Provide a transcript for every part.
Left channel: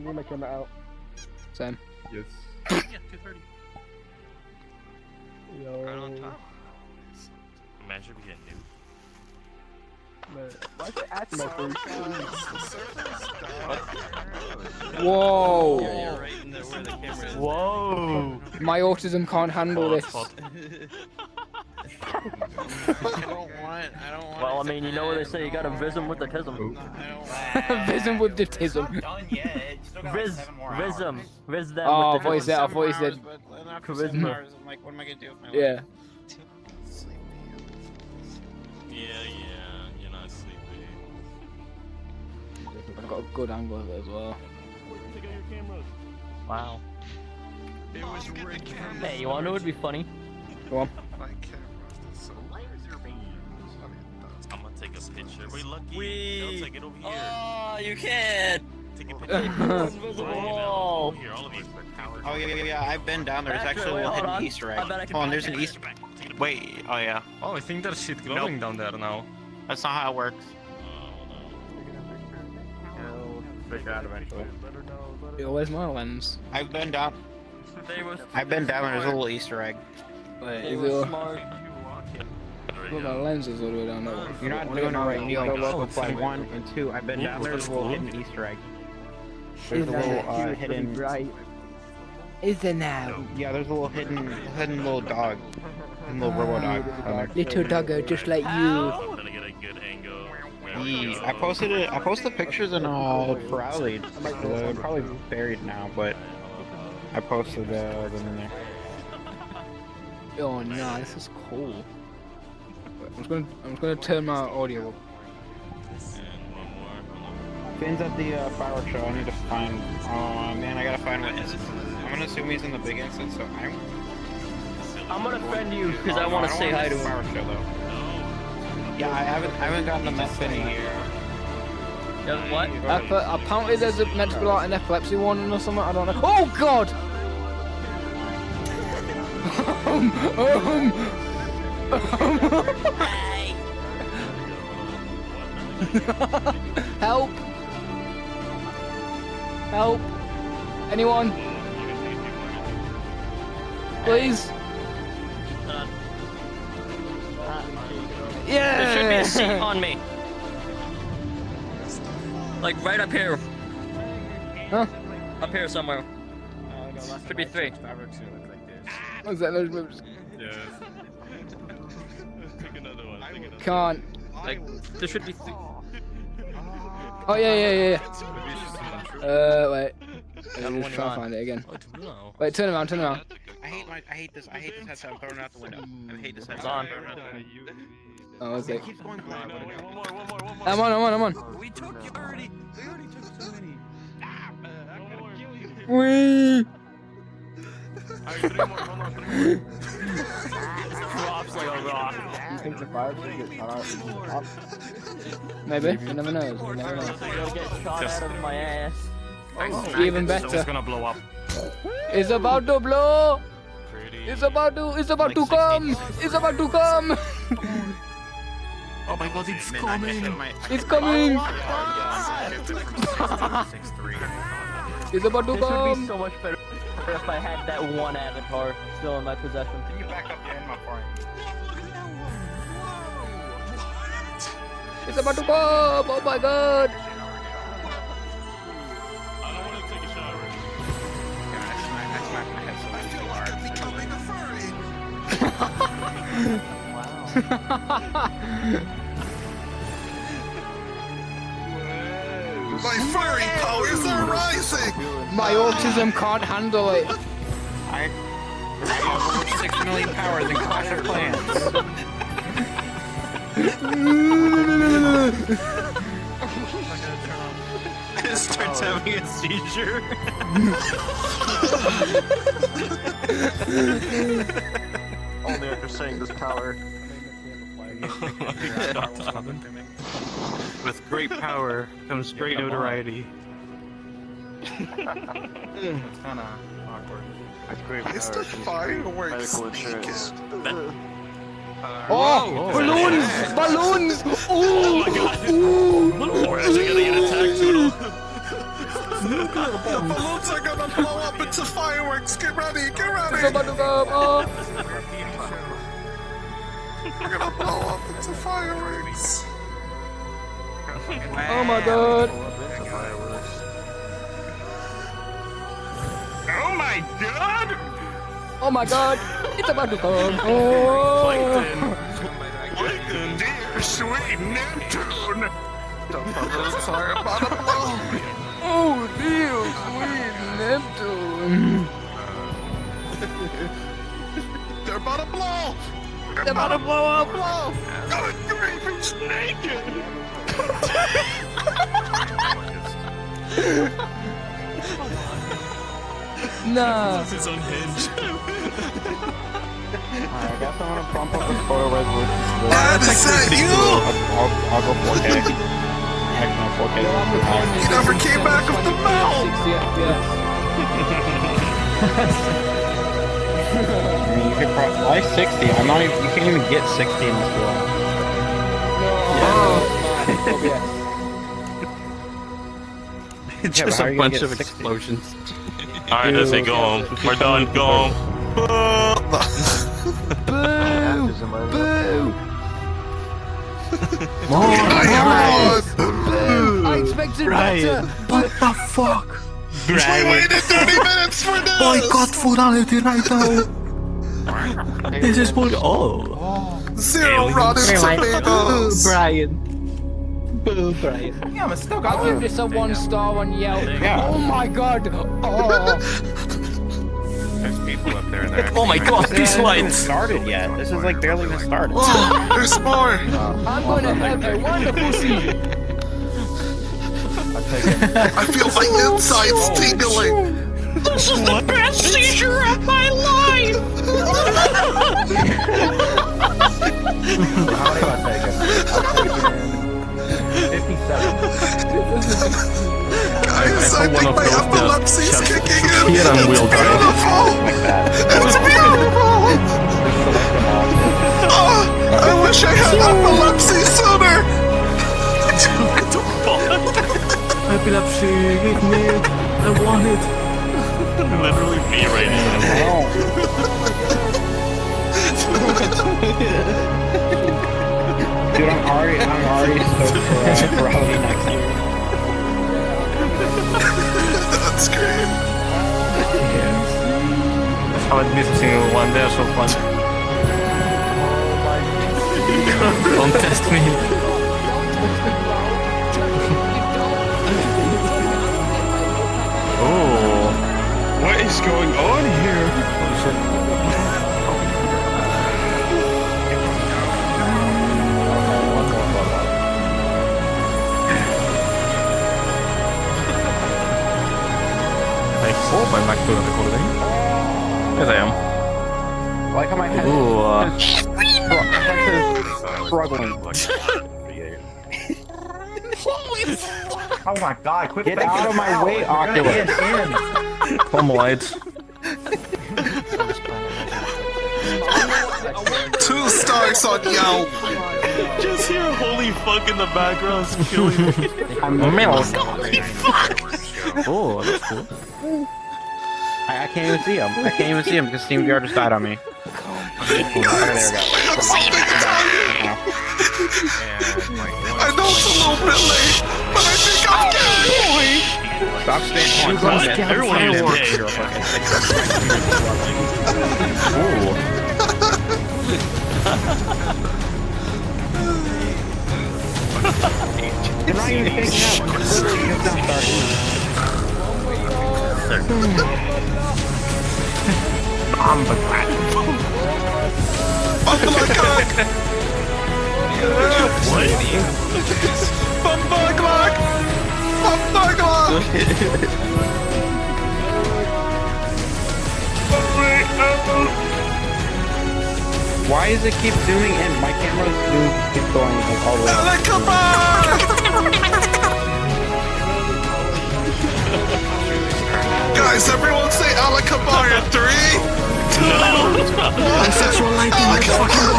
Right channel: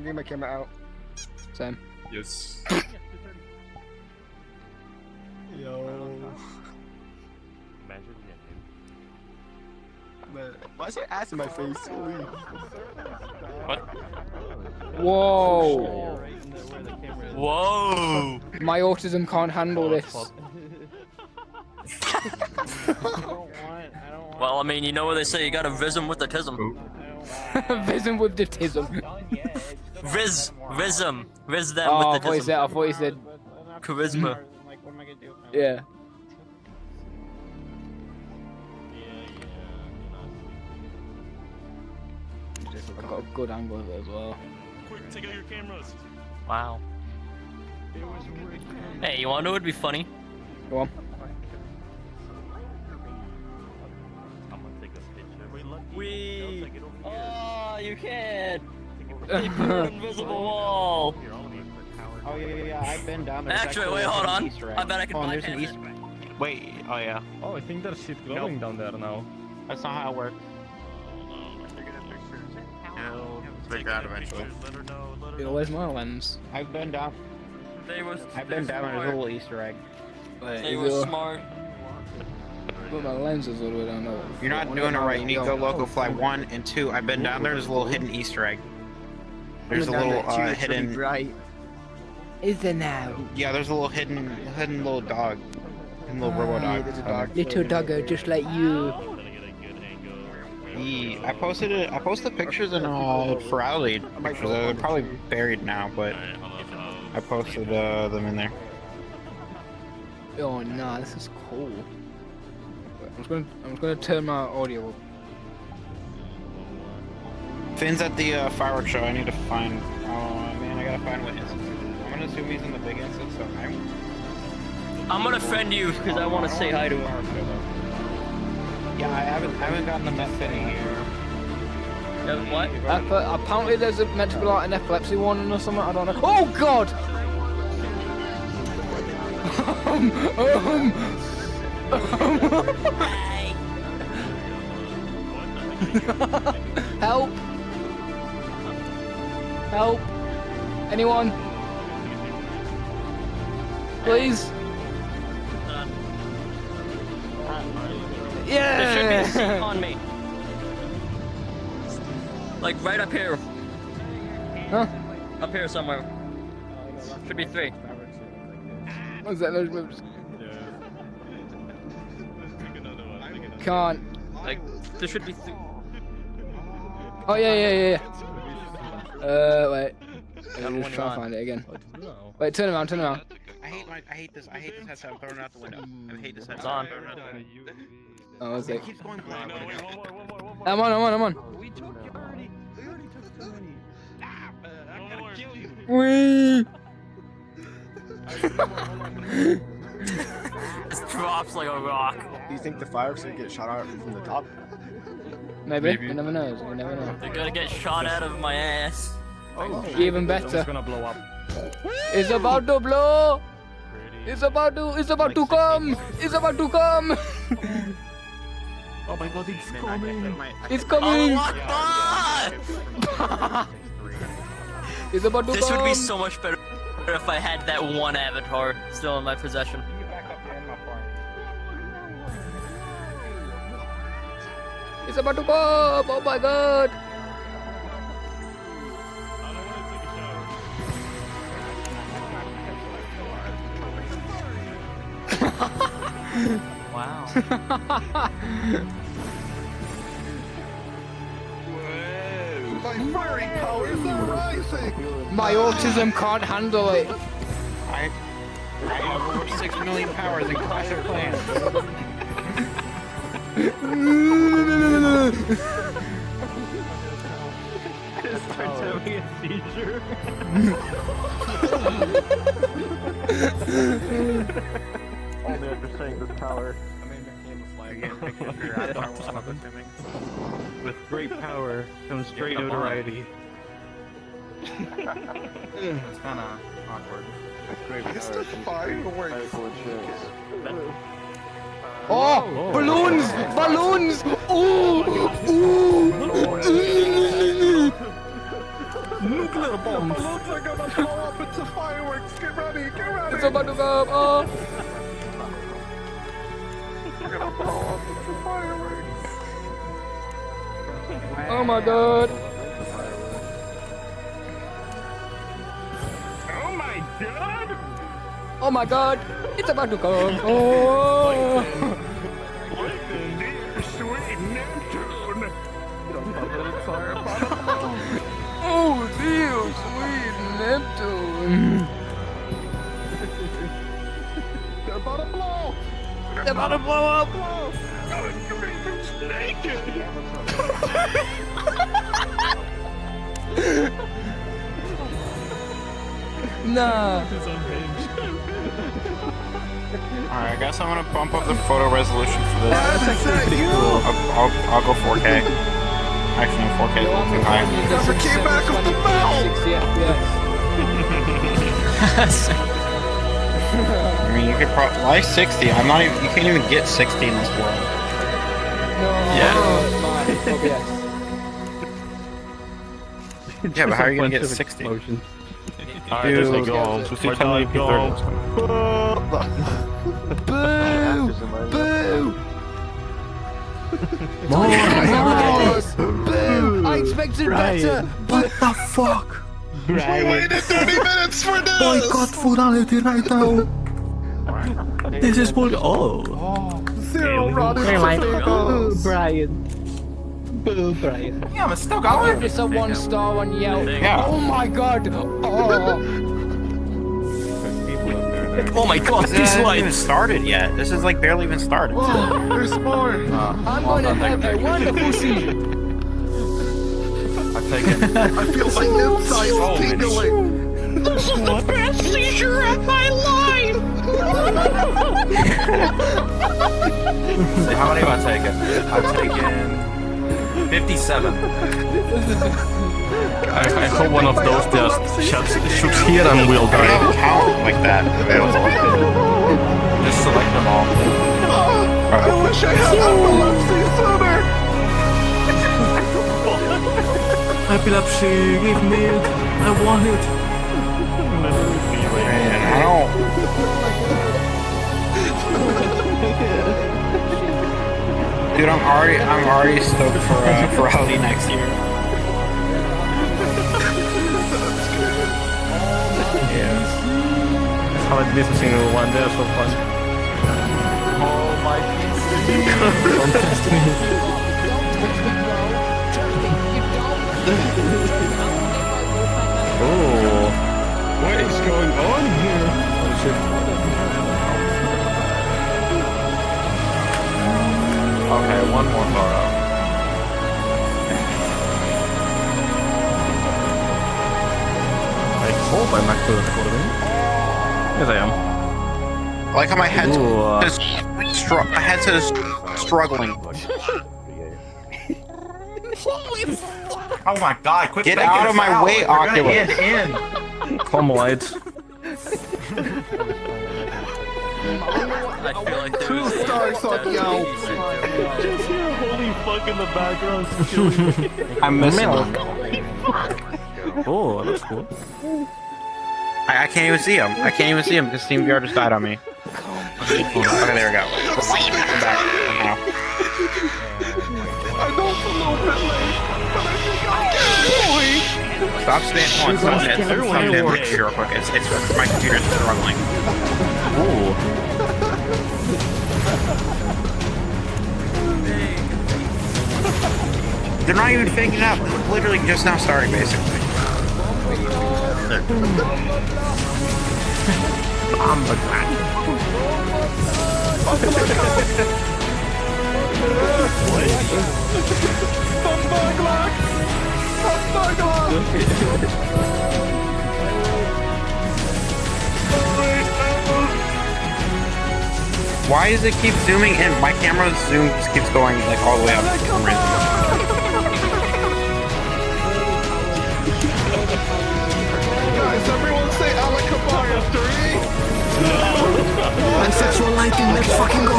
I'm getting my camera out. Same. Yes. Yeah, 2:30. Yo. Right on time. Imagine we get new. Man, why is it ass in my face? Whoa! Yeah, you're right in there where the camera is. Whoa! My autism can't handle this. I don't want. Well, I mean, you know what they say, you gotta vism with the tism. Vism with the tism. Viz them Oh, with the I thought you said. I thought you said. Charisma. I'm like, what am I gonna do? Yeah. Yeah, you're not sleepy. I've got a good angle of it as well. Quick, take out your cameras. Wow. It was rigged. Hey, you wanna know what'd be funny? Go on. I'm gonna take a picture. We lucky. Wee. I'll take it over here. Oh, you can't. Take a picture. Invisible wall. Here, all of these are cowards. Oh yeah, I've been down there. There's Actually, actually a hold hidden on. Easter egg. I bet I can Oh, and there's an bypass Easter. it. Wait. Oh yeah. Oh, I think there's shit glowing down there now. That's not how it works. Figure out eventually. Let her know. Let her Yo, where's my lens? I've been down. They were. I've been down there. There's a little Easter egg. Wait, They is were it? smart. Look, my lens is all the way down there. You're not doing it right. You need to go local flag 1 and 2. I've been down there. There's a little hidden Easter egg. There's a little hidden. Right. Is there now? Yeah, there's a little hidden little dog. Hidden little robo dog down there. Little doggo, just like you. Gonna get a good angle. Yeah, I posted it. I posted pictures in Furality. They're probably buried now, but I posted them in there. Oh nah, this is cool. I'm just gonna turn my audio up. Finn's at the fireworks show. I need to find. Oh man, I gotta find what instance. I'm gonna assume he's in the big instance, so I'm gonna friend you because I want to say hi to him. Yeah, I haven't gotten the mess in yet. Yeah, what? Apparently there's meant to be like an epilepsy warning or something, I don't know. Oh god! Help! Help! Anyone? Please? There should be a seat Yeah! on me. Like right up here. Huh? Up here somewhere. Should be 3. What's that? Yeah. Pick another one. Pick another Can't. Like there should be 3. Oh yeah. Maybe it's just Wait. I'm one just trying you to want. find it again. What to do now? Wait, turn around, turn around. I hate this headset. I'm throwing it out the window. I hate this headset. It's on. I'm throwing it out the window. Oh, it's like. It keeps going blank. One more. I'm on. We took you already. I'm gonna kill you. Whee! Drops like a rock. You think the fireworks will get shot out from the top? Maybe. You never know. You never know. They're gonna get shot out of my ass. Oh, even So it's better. gonna blow up. It's about to blow. Pretty. It's about to come. It's about to come. Oh my god, it's coming. It's coming. It's about to This would be come. so much better if I had that one avatar still in my possession. Can you back up your inmate for me? It's about to come. Oh my god. I don't wanna take a shower. My fiery powers are rising! My autism can't handle it. I have over 6 million powers in Clash of Clans. It starts having a seizure. Only after saying this power. With great power comes great notoriety. It's kind of awkward. It's the fireworks. Oh, balloons! Ooh, ooh. Nuclear bombs. Balloons are gonna blow up into fireworks. Get ready, get ready. It's about to go up. Oh. We're gonna blow up into fireworks. Oh my god. Oh my god! Oh my god. It's about to come. Oh. Welcome, dear sweet Neptune. Oh, dear sweet Neptune. They're about to blow. They're about to blow up. It's naked. Nah. This is unhinged. Alright, I guess I'm gonna bump up the photo resolution for this. Dad, is that you? I'll go 4K. Actually, no, 4K. Yo, I'm recording this never in came back up the 720p mouth. 60 FPS. I mean, you could probably like 60. I'm not even. You can't even get 60 in this world. No, my OBS. Yeah, but how are you gonna get 60? explosions. Alright, this ain't gone. We're done. Gone. Boo! Boo! Boo! I expected better! But the fuck? We waited 30 minutes for this. Boycott Furality right now. This is for Zero rotten tomatoes. Brian. Boo, Brian. I'll give this a 1 star on Yelp. Yeah. Oh my god! Oh! Oh my god, This hasn't even started yet. This is like barely even started. Whoa, there's more. I'm gonna have a wonderful season! I feel my insides tingling. This is the best seizure of my life! How many am I taking? I'm taking 57. I hope one of those just sits here and will die. Like that. It's beautiful. Just select them all. I wish I had epilepsy sooner. Epilepsy, give me. I want it. Literally me right now. Dude, I'm already stoked for Howdy next year. That's great. I haven't missed a single one. They're so fun. Don't test me. Don't touch me, bro! Trust me, you don't! Trust me, I will get my wolf back on it. Oh. What is going on here? Oh shit. Okay, what's going on? I hope I'm actually recording. Yes, I am. I like how my head Ooh. my head says struggling. Oh my god, quit Get making out of it my out. way, We're gonna Oculus. get in. Carmelites. I wonder 2 stars on Yelp. Just hear holy fuck in the background. I'm missing Milk. one. Oh, that's cool. I can't even see him. I can't even see him because SteamVR just died on me. Okay, there we go. I know it's a little bit late, but I think I'm good. Stop staying on. Stop that. Everyone real quick. It's my computer's struggling. Oh. They're not even faking out. It's literally just now starting. I'm the glad. Why does it keep zooming in? My camera's zoom just keeps going like all the way up. Guys, everyone say Alakabara 3. Bisexual lighting, let's fucking go!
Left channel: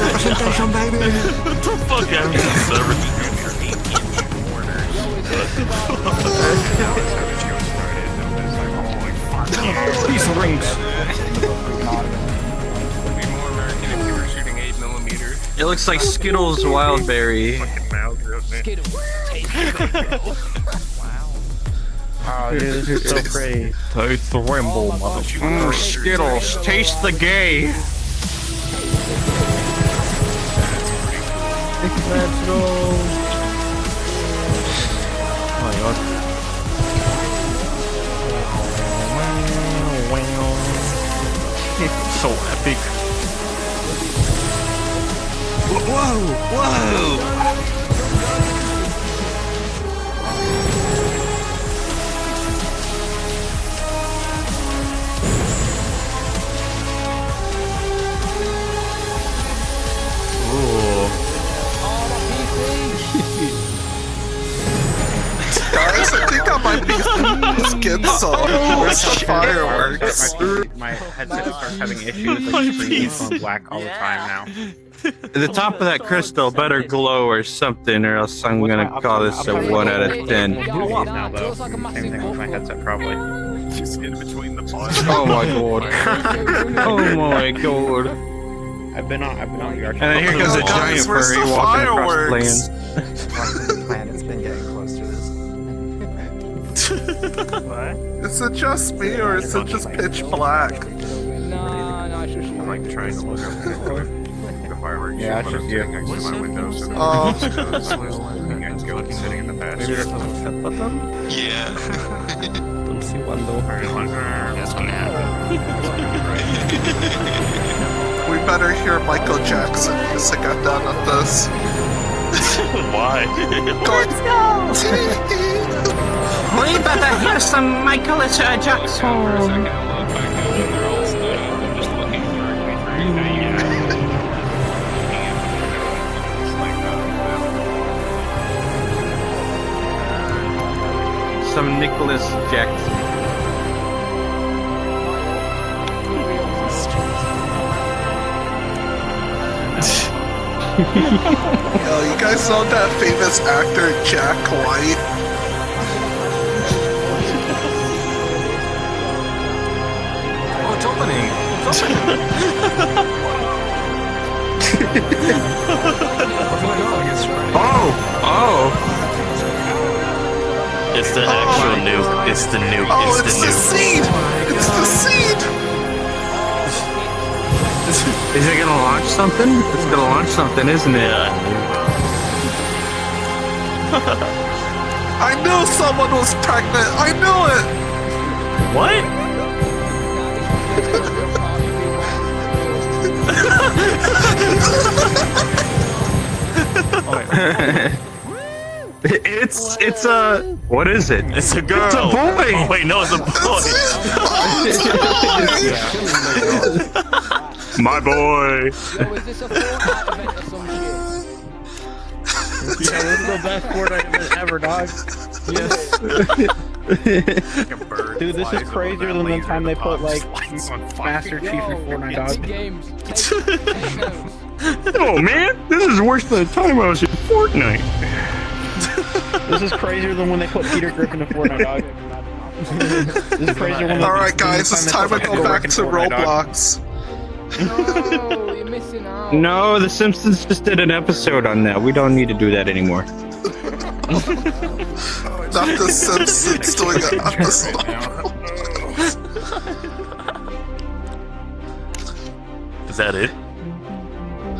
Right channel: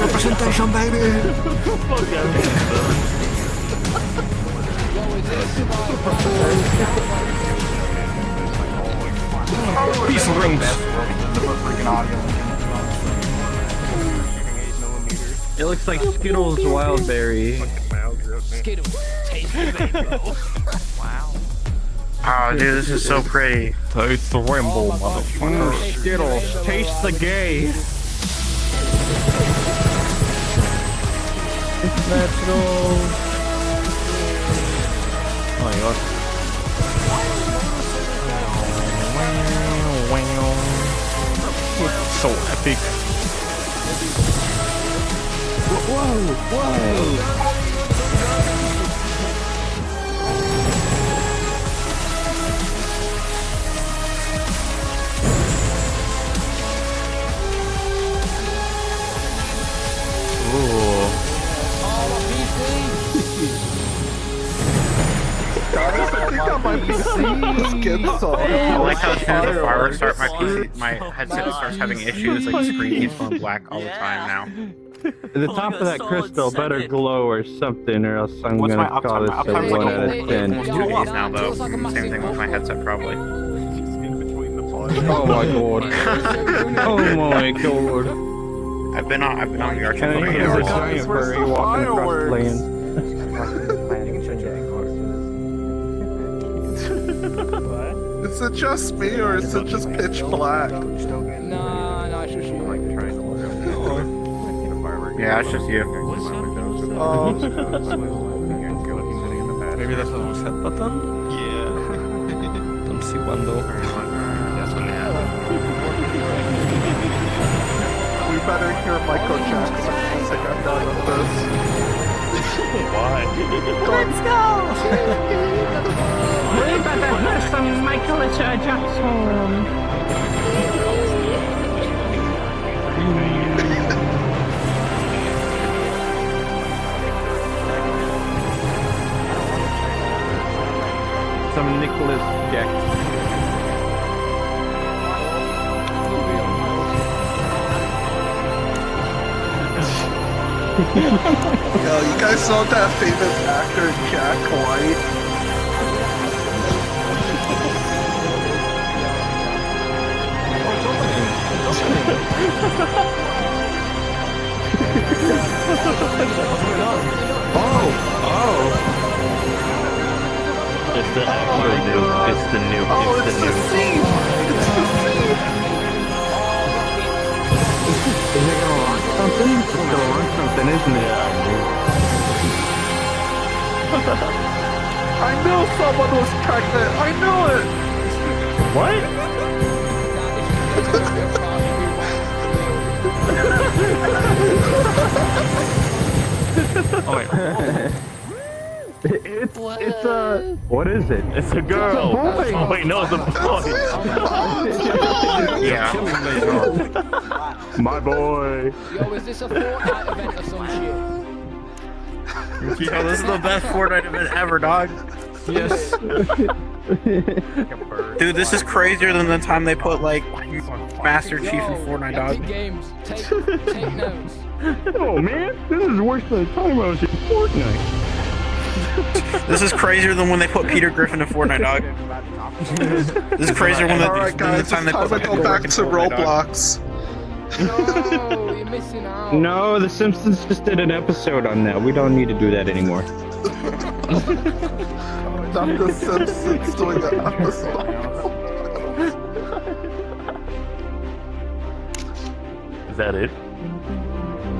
Representation, baby! Fuck, I'm Piece of rings. It looks like Skittles Wildberry. Oh, dude, this is so pretty. Taste the rainbow, motherfucker. Skittles, taste the gay. Let's go. Oh my god. It's so epic. Ooh. Guys, I think I might be get some fireworks. My headset starts having issues. Like screens going black all the time now. The top of that crystal better glow or something, or else I'm What's gonna my call this a upside? 1 out of 10. Blue off now though. Same thing with my headset probably. Just in between the balls. Oh my god. Oh my god. I've been on VR And then here comes a giant Where's furry the walking across the fireworks? land. Is it just me or is it just pitch black? Nah, it's just you. Yeah, it's just you. Maybe there's a reset button? Yeah. Don't see one though. We better hear Michael Jackson music at the end of this. Why? Let's go! We better hear some Michael Jackson. Some Nicholas Jackson. Yo, you guys know that famous actor Jack White? It's the actual nuke. It's the nuke. Oh, it's the seed! It's the seed! Is it gonna launch something? It's gonna launch something, isn't it? I knew someone was pregnant! I knew it! What? It's a what is it? It's a girl. It's a boy. Oh, wait, no, it's a boy. My boy. Yo, is this a Fortnite event or some shit? Yeah, this is the best Fortnite event ever, dog. Yes. Dude, this is crazier than the time they put like Master Chief in Fortnite, Epic dog. Games. Take notes. Oh man, this is worse than the time I was in Fortnite. This is crazier than when they put Peter Griffin in Fortnite, dog. This is crazier than Alright guys, it's time to go back to Roblox. No, you're missing out. No, The Simpsons just did an episode on that. We don't need to do that anymore. Not the Simpsons doing an episode. Is that it?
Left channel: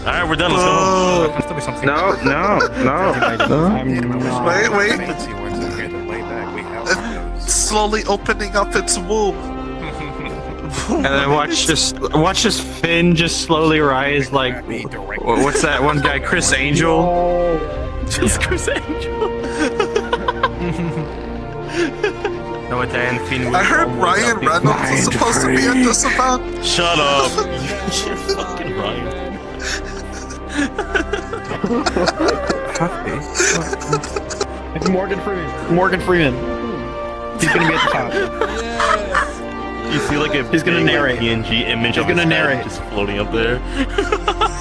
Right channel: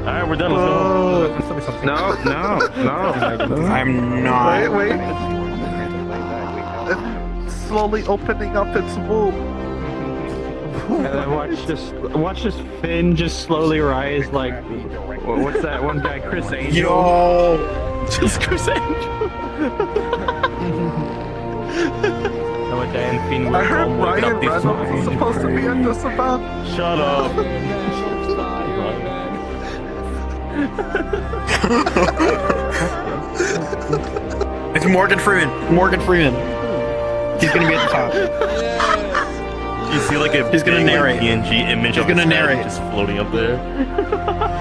Alright, we're done. Let's go. No. I'm not. Wait. It's slowly opening up its womb. And then watch this fin just slowly rise like what's that one guy, Chris Angel? It's Chris Angel. No, a giant fin I will heard come with Ryan a big Reynolds is supposed to be at this event. Shut up. It's Morgan Freeman. Morgan Freeman. He's gonna be at the top. You see like a He's gonna big, narrate. like, PNG image He's of gonna his head narrate. just floating up there.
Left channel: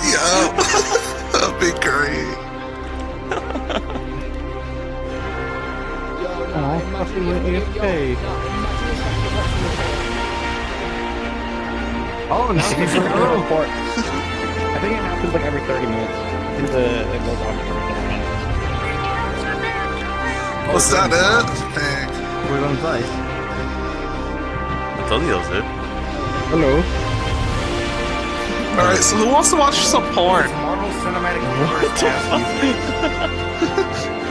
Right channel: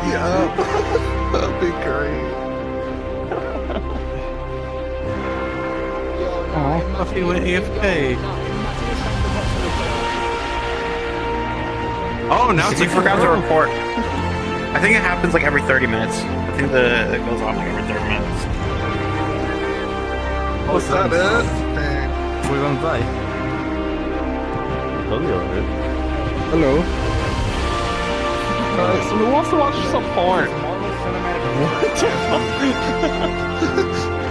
Yeah, that'd be great. Yo, Imagine with if- AFK. yo, no, imagine if that's the watch the report. Oh, now If you forgot to report. I think it happens like every 30 minutes. I think it goes off every 30 minutes. Was that it? Dang. We're on dice. I told you that was it. Hello. Alright, so who wants to watch some porn? What the fuck?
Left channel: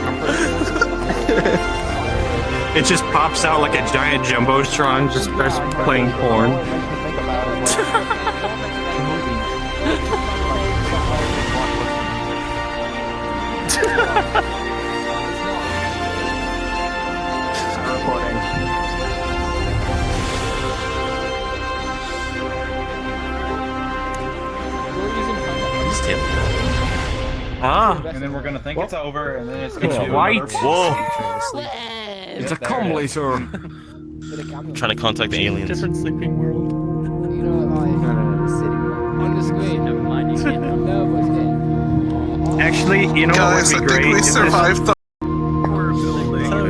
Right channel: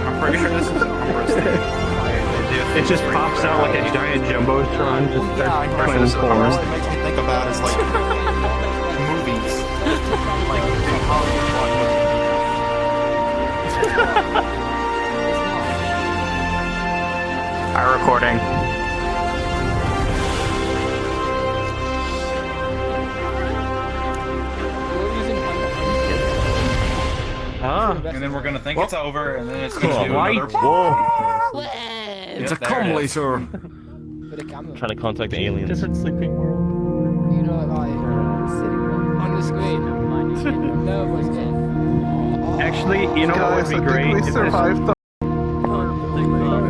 I'm pretty sure this is. it just pops out like a giant jumbotron, just starts playing porn. It's not. Our recording. We're using Ah, And then we're gonna think it's over, and then it's gonna do White. another. Whoa! it's a completer. with a camera. Trying to contact the aliens. Just a sleeping world. You know, like on the screen. No, but it's getting. Actually, you know what Guys, I would be think great? we If this- survived the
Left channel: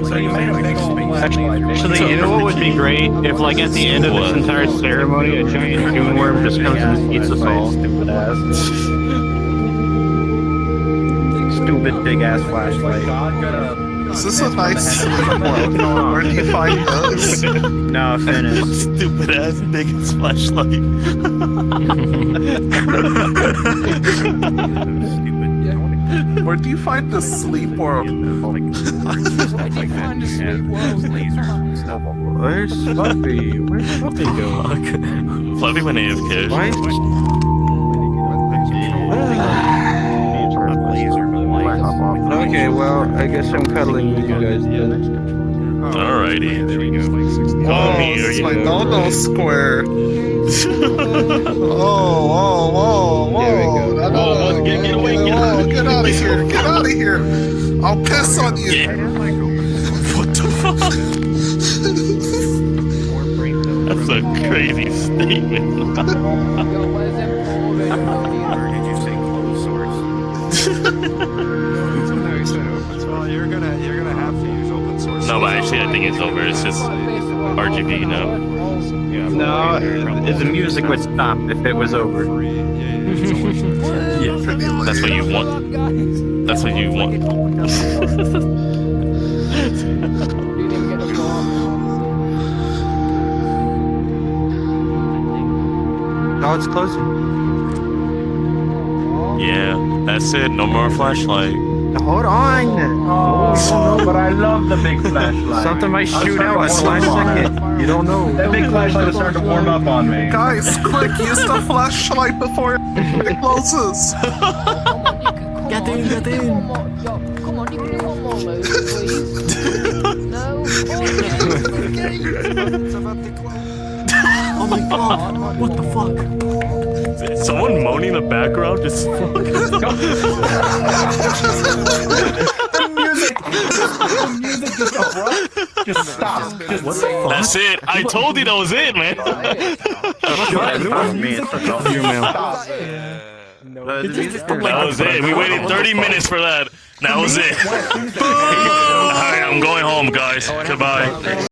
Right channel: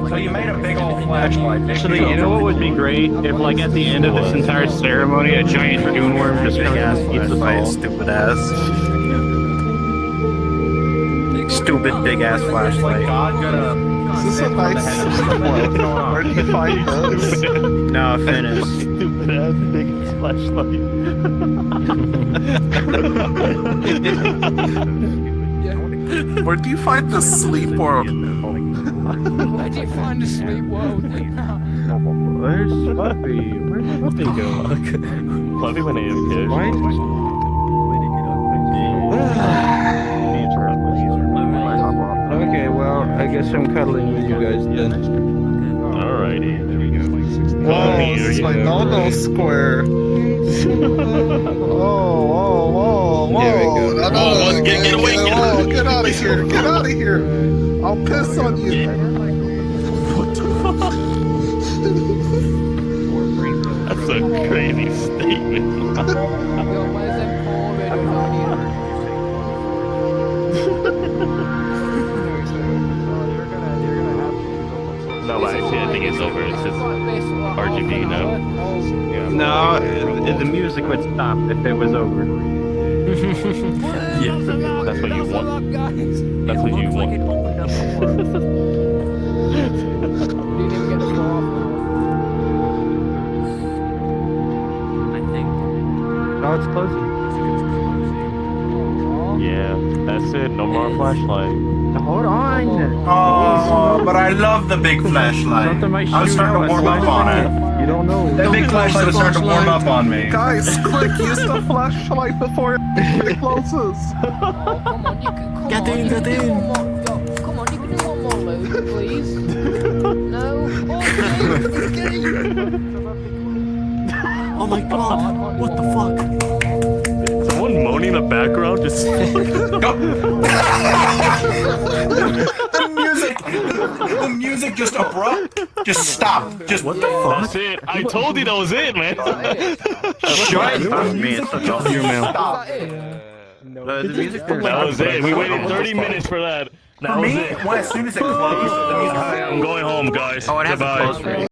So you made a big old flashlight. Actually, you know what would be great? If, like, at the end of this entire ceremony, a giant dune worm just comes and eats us all. Stupid ass. Stupid big ass flashlight. Is this a nice sleepwell? Where do you find those? No, finish. Stupid ass biggest flashlight. Where do you find the sleepwell? Where do you find a sleep world? Where's Fluffy? Where's Fluffy go? Fluffy went AFK. Okay, well, I guess I'm cuddling with you guys then. Alrighty. Whoa, this is my no-no square. Whoa. There we go. No, Get away, get whoa, get out of here, get out of here. I'll piss on you. What the fuck? That's a crazy statement. Yo, where's them poor radio radio? No, but actually, I think it's over. It's just RGB now. No, the music would stop if it was over. Yeah, that's what you want. That's what you want. Didn't even get the floor. No, it's closing. Yeah, that's it. No more flashlight. Hold on. But I love the big flashlight. Something might I'm shoot starting out to at the warm last up. second. You don't know. That big flashlight is starting to warm up on me. Guys, quick, use the flashlight before it closes. Oh, come on, you can come Get on. in, You get can do in. one more. Yo, come on, you can do one more load, please. No. Oh, Oh my god, what the fuck? Is someone moaning in the background? Just. The music just abrupt. Just stop. Just What the fuck? That's it. I told you that was it, man. Is that it? That was it. We waited 30 minutes for that. That was it. as soon as it Alright, I'm going home, guys. Goodbye.